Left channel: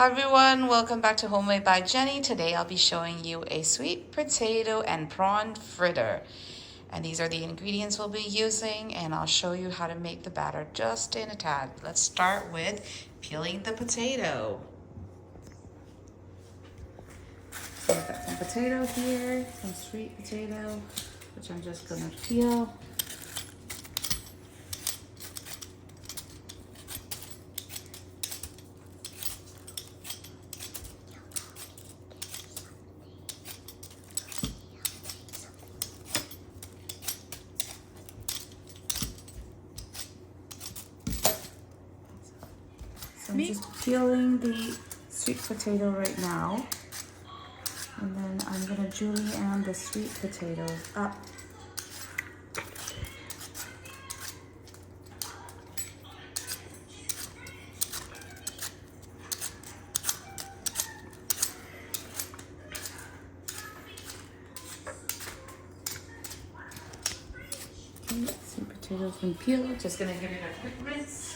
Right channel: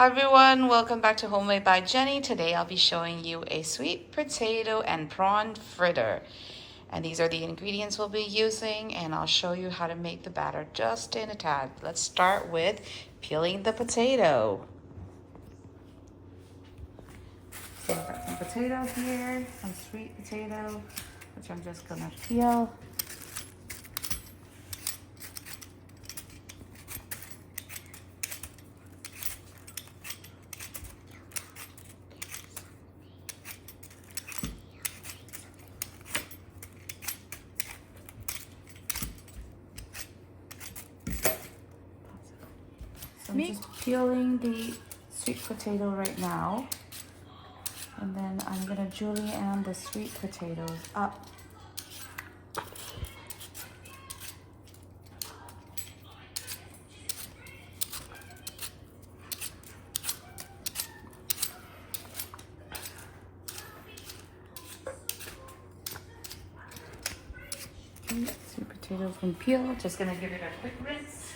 Hi everyone, welcome back to Homemade by Jenny. Today I'll be showing you a sweet potato and prawn fritter. And these are the ingredients we'll be using, and I'll show you how to make the batter just in a tad. Let's start with peeling the potato. So I've got some potato here, some sweet potato, which I'm just gonna peel. So I'm just peeling the sweet potato right now. And then I'm gonna julienne the sweet potatoes up. Okay, sweet potatoes been peeled. Just gonna give it a quick rinse.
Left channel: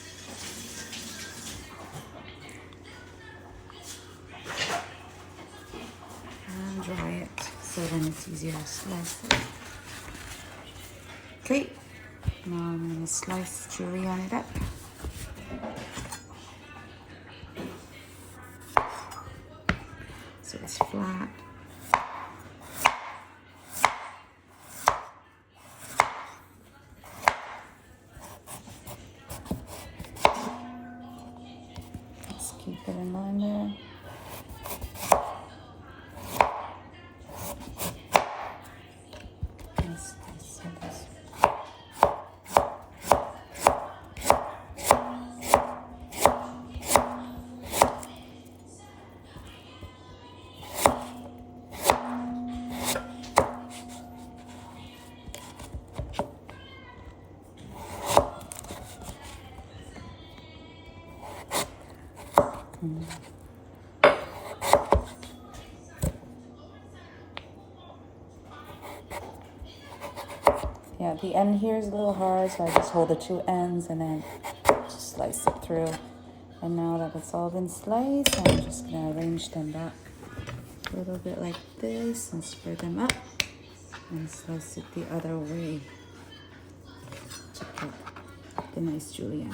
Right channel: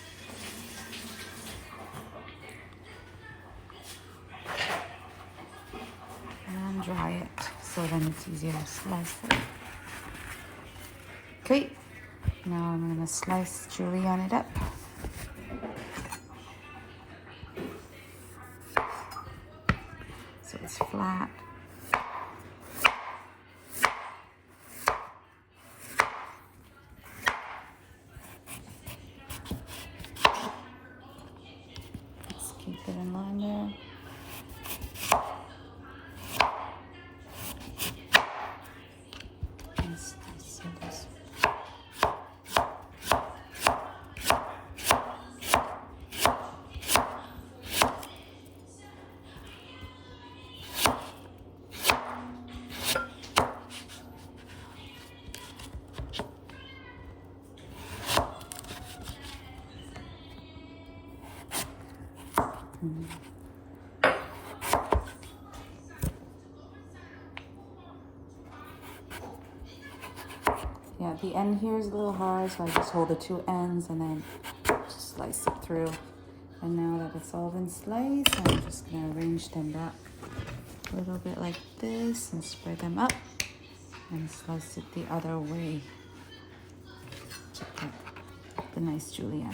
Dry it so then it's easier to slice it. Okay, now I'm going to slice julienne it up. So it's flat. Let's keep it in line there. Yeah, the end here is a little hard, so I just hold the two ends and then just slice it through. And now that it's all been sliced, I'm just gonna arrange them back a little bit like this and spread them up and slice it the other way to get the nice julienne.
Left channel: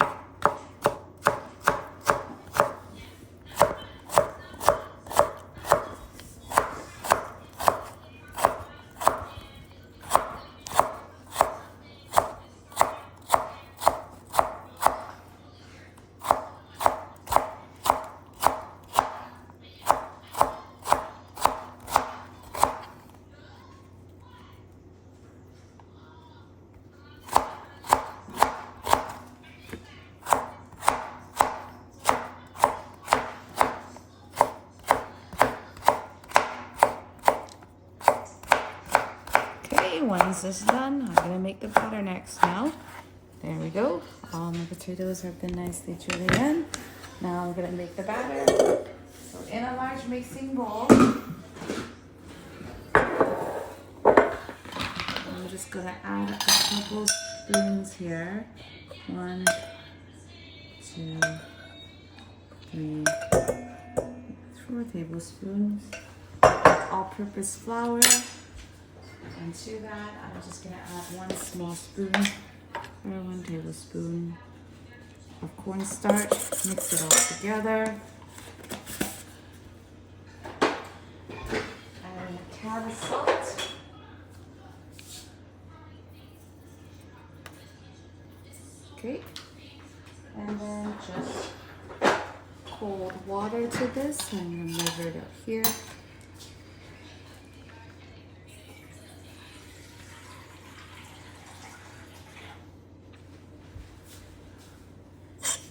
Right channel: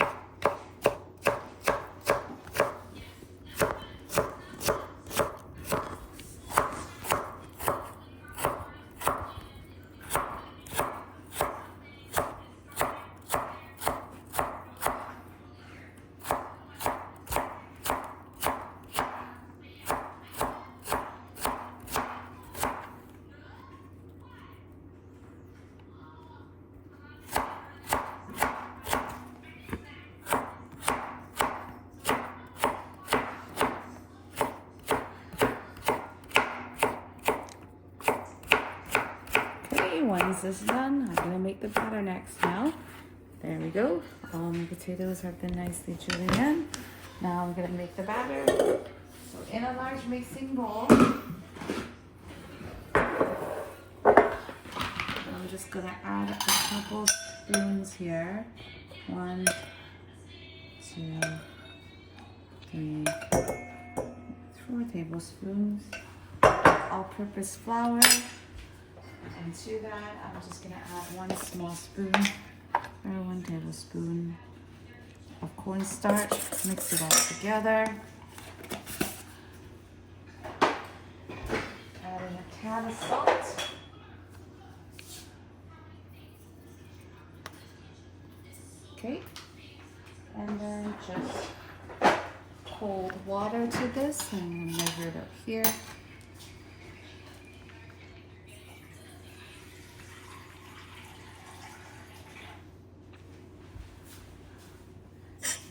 Once this is done, I'm going to make the batter next now. There we go. All my potatoes have been nicely julienne. Now I'm going to make the batter. So in a large mixing bowl, I'm just going to add a couple spoons here. 1, 2, 3, 4 tablespoons. All-purpose flour. And to that, I'm just going to add 1 small spoon or 1 tablespoon of cornstarch. Mix it all together. Add a can of salt. Okay. And then just cold water to this. I'm going to measure it up here.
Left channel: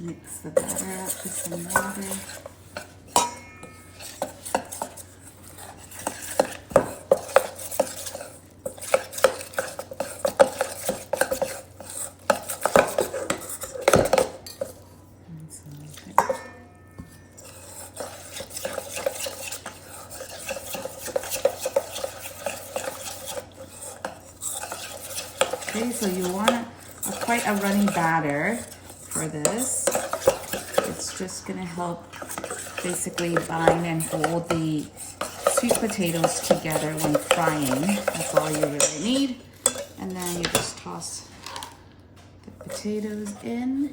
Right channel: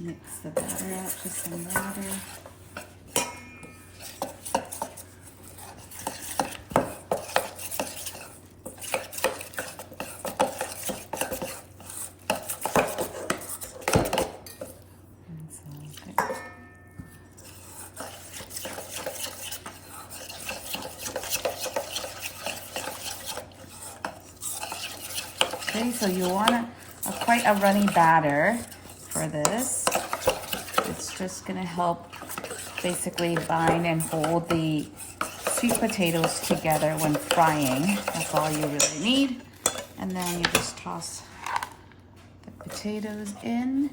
Mix the batter up with some water. Okay, so you want quite a runny batter for this. It's just going to help basically bind and hold the sweet potatoes together when frying. That's all you really need. And then you just toss the potatoes in,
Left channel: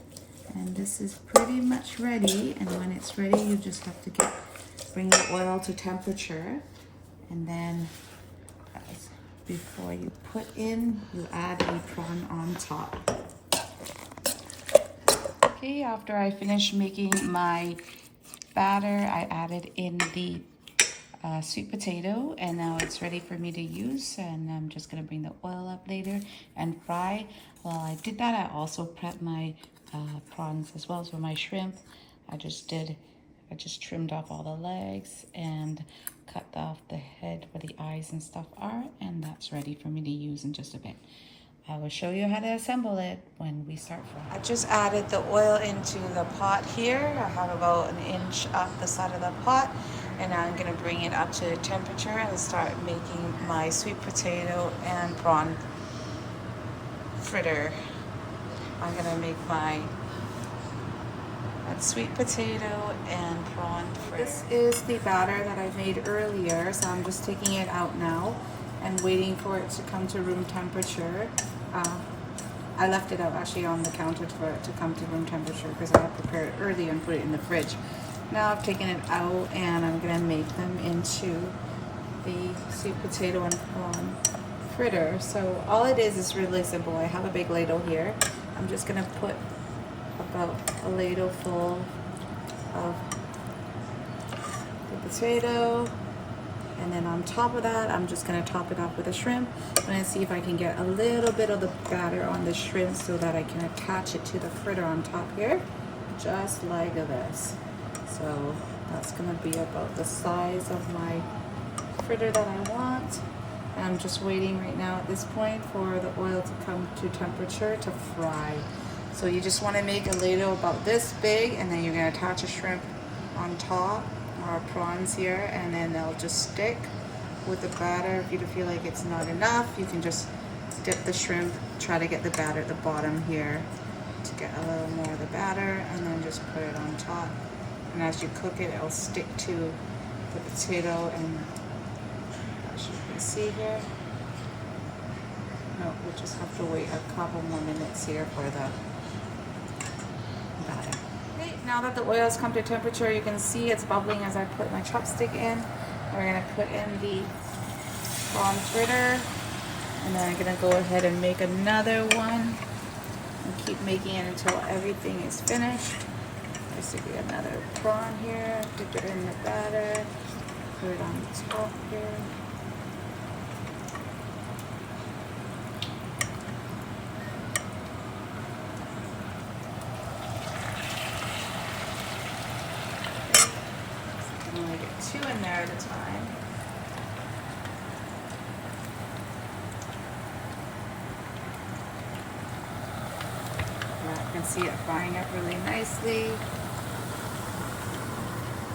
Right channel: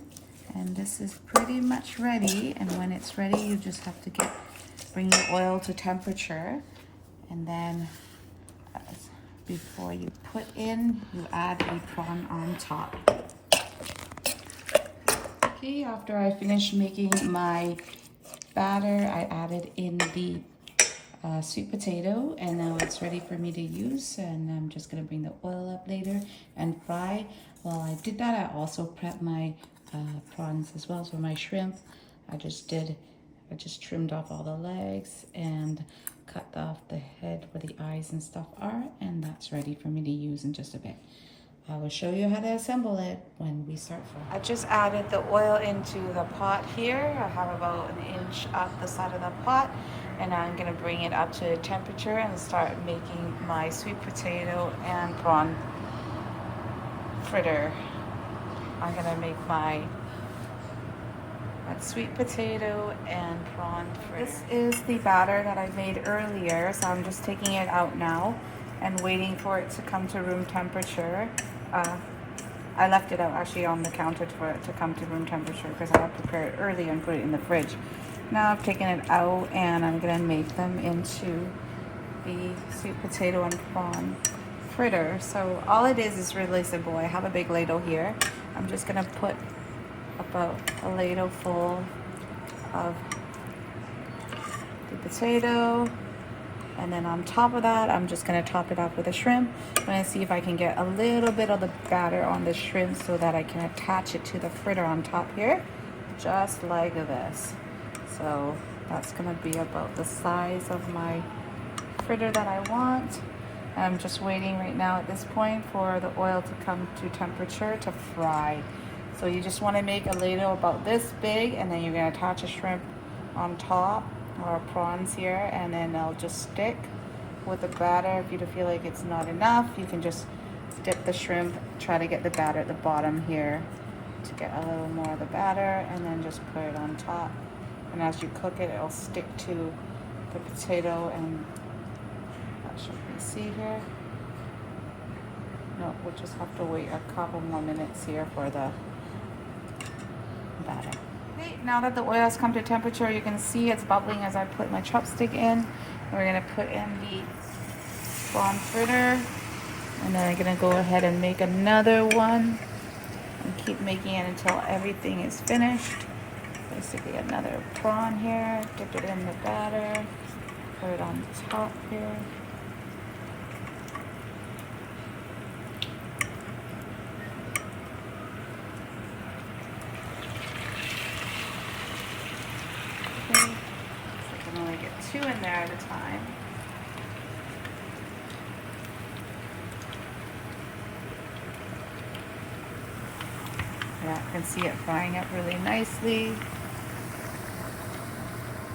and this is pretty much ready. And when it's ready, you just have to bring the oil to temperature, and then before you put in, you add a prawn on top. Okay, after I finished making my batter, I added in the sweet potato, and now it's ready for me to use. And I'm just gonna bring the oil up later and fry. While I did that, I also prepped my prawns as well. So my shrimp, I just trimmed off all the legs and cut off the head where the eyes and stuff are, and that's ready for me to use in just a bit. I will show you how to assemble it when we start frying. I just added the oil into the pot here. I have about an inch up the side of the pot, and now I'm gonna bring it up to temperature and start making my sweet potato and prawn fritter. I'm gonna make my sweet potato and prawn fritter. This is the batter that I made earlier, so I'm just taking it out now and waiting for it to come to room temperature. I left it out actually on the counter for it to come to room temperature because I have to prepare it early and put it in the fridge. Now I've taken it out and I'm gonna make them into the sweet potato and prawn fritter. So all it is really simple. I have a big ladle here. I'm just gonna put about a ladle full of the potato, and then on top of that I'm just going to top it up with a shrimp. I'm going to see if I can get a little bit of the batter on the shrimp so that I can attach it to the fritter on top here, just like this. So that's going to be about the size of my fritter that I want. I'm just waiting right now at this point for the oil to come to temperature to fry. So you just want to make a ladle about this big, and then you're going to attach a shrimp on top, or prawns here, and then they'll just stick with the batter. If you feel like it's not enough, you can just dip the shrimp, try to get the batter at the bottom here to get a little more of the batter, and then just put it on top. And as you cook it, it'll stick to the potato, and as you can see here, no, we'll just have to wait a couple more minutes here for the batter. Okay, now that the oil's come to temperature, you can see it's bubbling as I put my chopstick in. We're gonna put in the prawn fritter, and then I'm gonna go ahead and make another one and keep making it until everything is finished. Basically another prawn here, dip it in the batter, put it on the top here. Two in there at a time. Now you can see it frying it really nicely.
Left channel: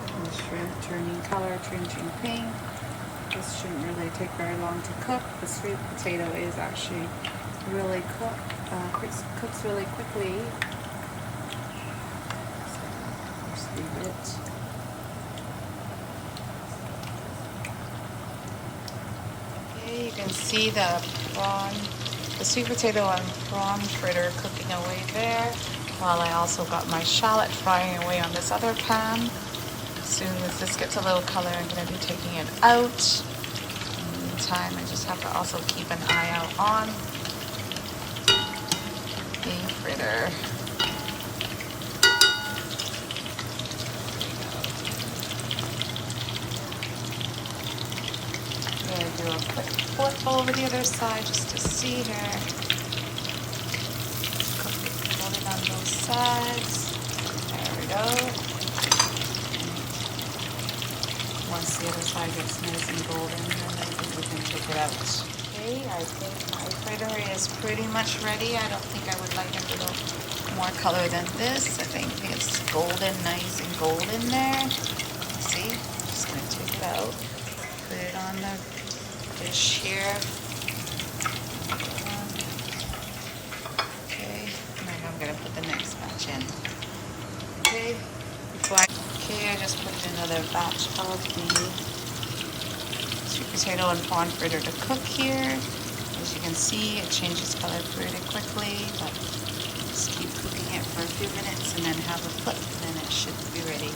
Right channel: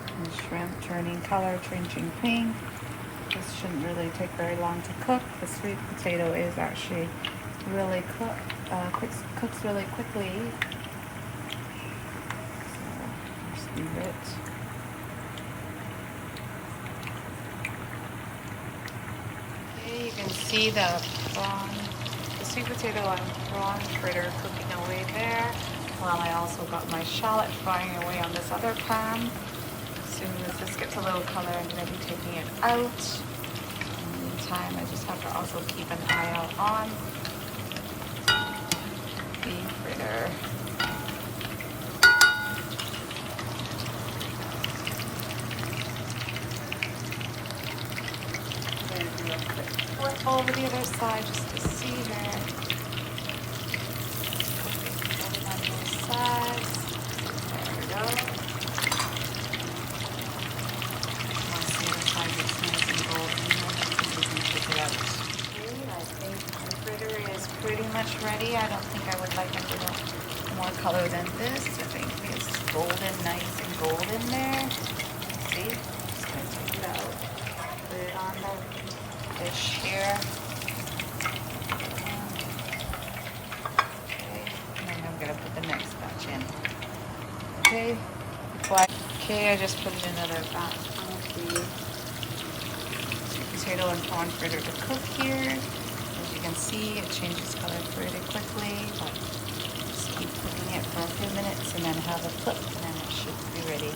And the shrimp turning color, changing pink. This shouldn't really take very long to cook. The sweet potato is actually really cooks really quickly. So just leave it. You can see the sweet potato and prawn fritter cooking away there, while I also got my shallot frying away on this other pan. As soon as this gets a little color, I'm going to be taking it out. In the meantime, I just have to also keep an eye out on the fritter. Do a quick flip over the other side just to see her. Hold it on both sides. There we go. Once the other side gets nice and golden, then we can take it out. Okay, I think the fritter is pretty much ready. I don't think I would like a little more color than this. I think it's golden, nice and golden there. See? I'm just going to take it out. Put it on the dish here. Okay, and then I'm gonna put the next batch in. Okay, I just put in another batch of the sweet potato and prawn fritter to cook here. As you can see, it changes color pretty quickly, but just keep cooking it for a few minutes and then have a flip and then it should be ready.